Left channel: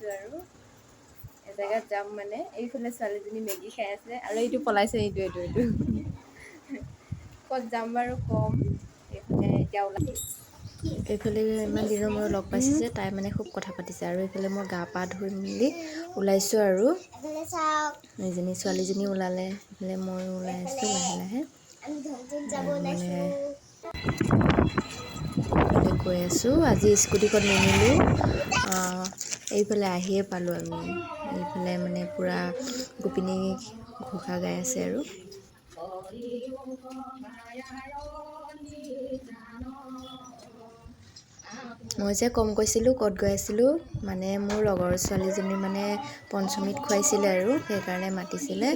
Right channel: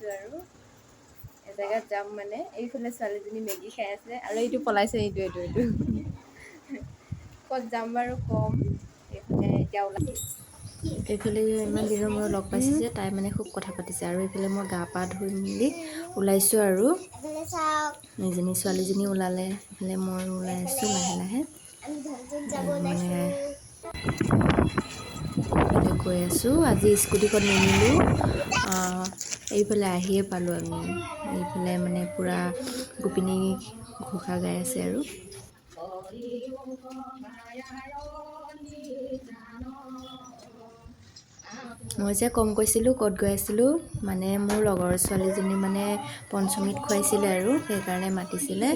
ওলাইছোঁ আৰু এজেগাত যাম মানে এইফালে ছোৱালীজনী মেগী খাই আছে আৰু এইটো পলাইছে এইটো ক'ত যাম বাৰু ক'ম এইফালে এতিয়া ওলাই এইফালে ইমান দিনৰ মূৰত লগ পাইছোঁ যে তাই মানে খুব কথা পাতিছে আৰু এইফালে মই গা পা ধুই মেলি ওলাইছোঁ আৰু এজনী ছোৱালীজনী ওলালে এইফালে মই ওলাই আছোঁ লাহে লাহে মানে গৈ আছোঁ আজি স্কুটিখন নিনিলোঁ এইফালে আহিয়ে পালোঁ আমি এইফালে মানে পূৰা গোপিনী ঘোষা গাই আছে আৰু মই যে কম কৈছিলোঁ ক'ত গৈ আছিলোঁ মানে মোৰ লগৰ ছোৱালীজনী মানে পঞ্চমীত খুৱাইছিলে আৰু সেইকাৰণে মাতিছিলে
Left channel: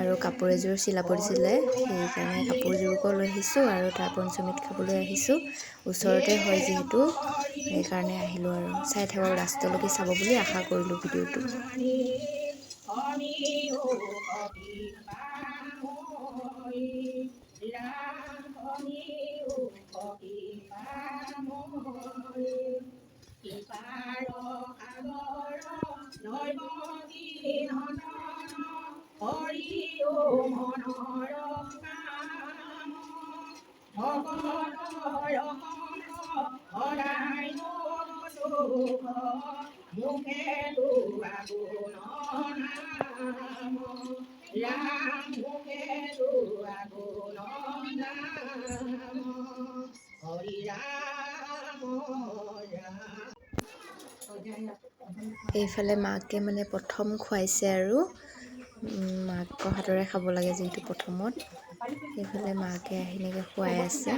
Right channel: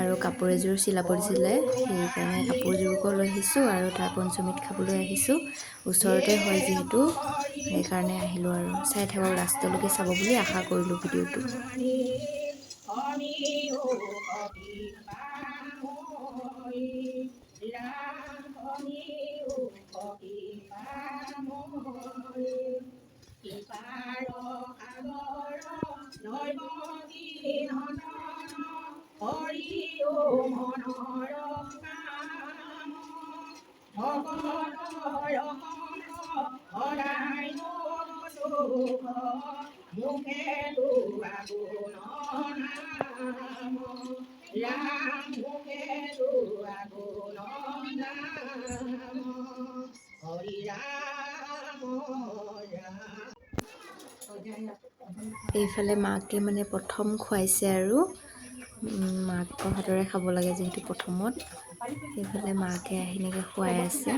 আৰু কাপোৰ এযোৰ চিলাব দিছিলে সেইকাৰণে কাপোৰযোৰকো লৈ আহিছোঁ আৰু তাই পঞ্চমীত খাবলৈ আহিছোঁ ওচৰতে হয় যিহেতু সেইকাৰণে আহিলোঁ আৰু চাই থাকক লাষ্টলৈকে চাব বুলি আশা কৰিলোঁ ভিডিঅ'টো এইফালে মাকে মানে প্ৰথম খুৱাইছে আৰু মাকৰ হাতৰে খাব লাগে যিহেতু প্ৰথমত এইফালে মাকে আহিনেকৈ খুৱাই আছে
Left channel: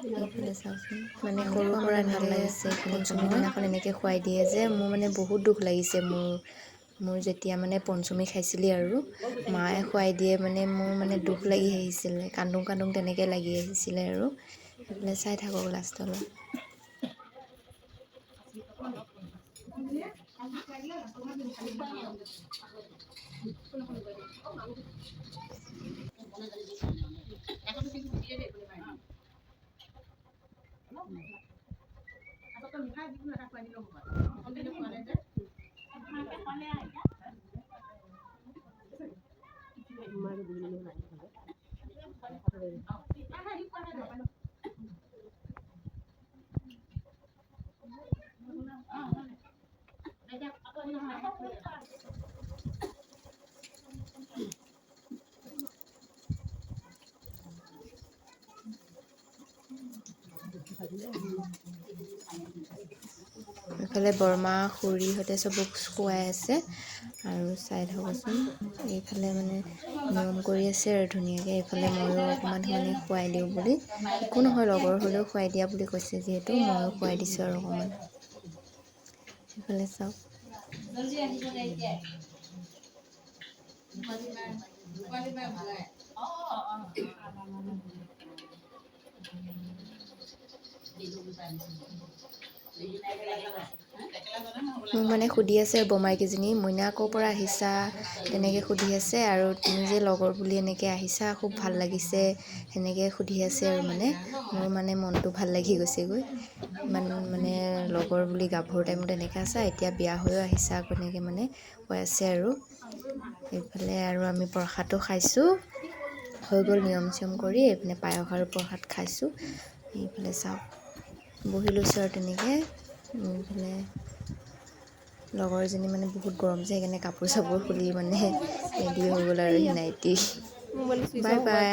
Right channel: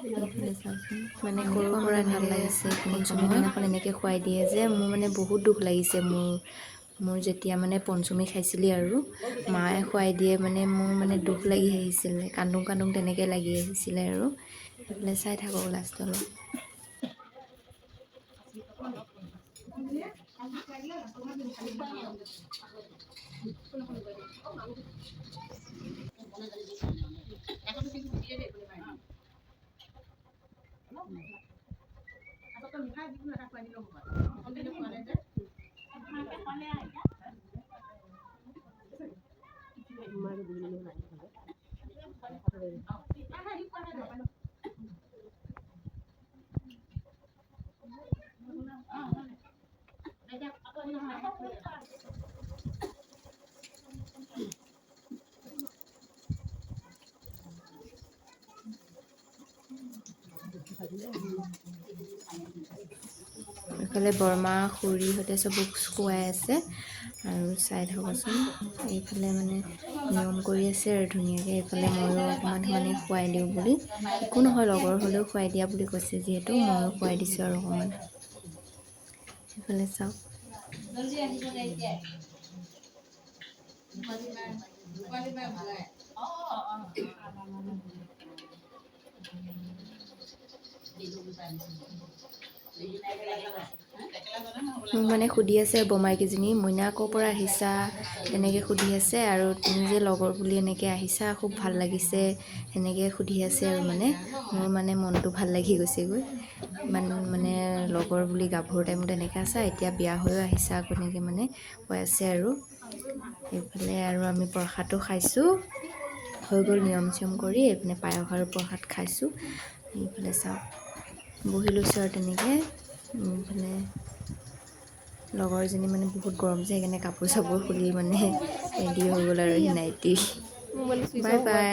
এইফালে চাওকচোন মানে সৰুৰ পৰা ভাল লাগিছে পঞ্চমী দিনাখন এনেকৈ খুৱাই দিয়ে যে মোৰ মানে বহুত দুখ লাগিছে মোৰ যেতিয়া মানে পঞ্চমী খাইছিলি আৰু মায়ে খুৱাই দিয়ে মানে মোৰ মানে দুখ লাগি আহিছিলে কান্দোং কান্দোং তেনেকৈ লাগি আহিছিলে আৰু এইফালে চাই থাকক লাষ্টলৈ এইফালে বৰমা খুৰীহঁতে চবক খুৱাই আছে আৰু চাই থাকোঁচোন এইফালে মানে নিয়ম কৰি আছে আৰু ধুনীয়াকৈ এইফালে ময়ো অকণমান মানে খুৱাই দিওঁ বুলি একো নহয় লগৰ হ'লেও খুৱাই দিয়া বুলি কৈছে যিহেতু ময়ো খুৱাই দিছোঁ আৰু অকণমান এইফালে চাওক মোক মানে সুধি আছে বমাইকেইজনী মইনা ক'ৰ পৰা আহিছা এনেকৈ সুধি আছে আৰু তুমি যে লগৰ বুলি এনেকৈ আহিছা খুব ভাল লাগিছে সেনেকৈ সুধি আছে আৰু মানে মোৰ মানে মনটো ভাল লাগি গৈছেগৈ ইমান মানে লগৰ বুলি গাভৰু টাইমত এনেকৈ আছা এতিয়া বিয়া হৈও আহিছা আকৌ এনেকৈ মানে কৈ আছে আৰু এইফালে আৰু আমি প্ৰসাদো খাইছোঁ হৈ গ'ল নিয়ম চিয়ম কৰি এইপিনে পায়স আৰু প্ৰসাদ খাইছোঁ এইফালে চাওক বহি লৈছোঁ আৰু তেনেকৈ এইফালে লগৰজনী মানে বহুত গৰম যে সেইকাৰণে কাপোৰ চাপোৰ খুলি মানে ৰেডি হৈ গ'ল আৰু নাইটি বাই বাই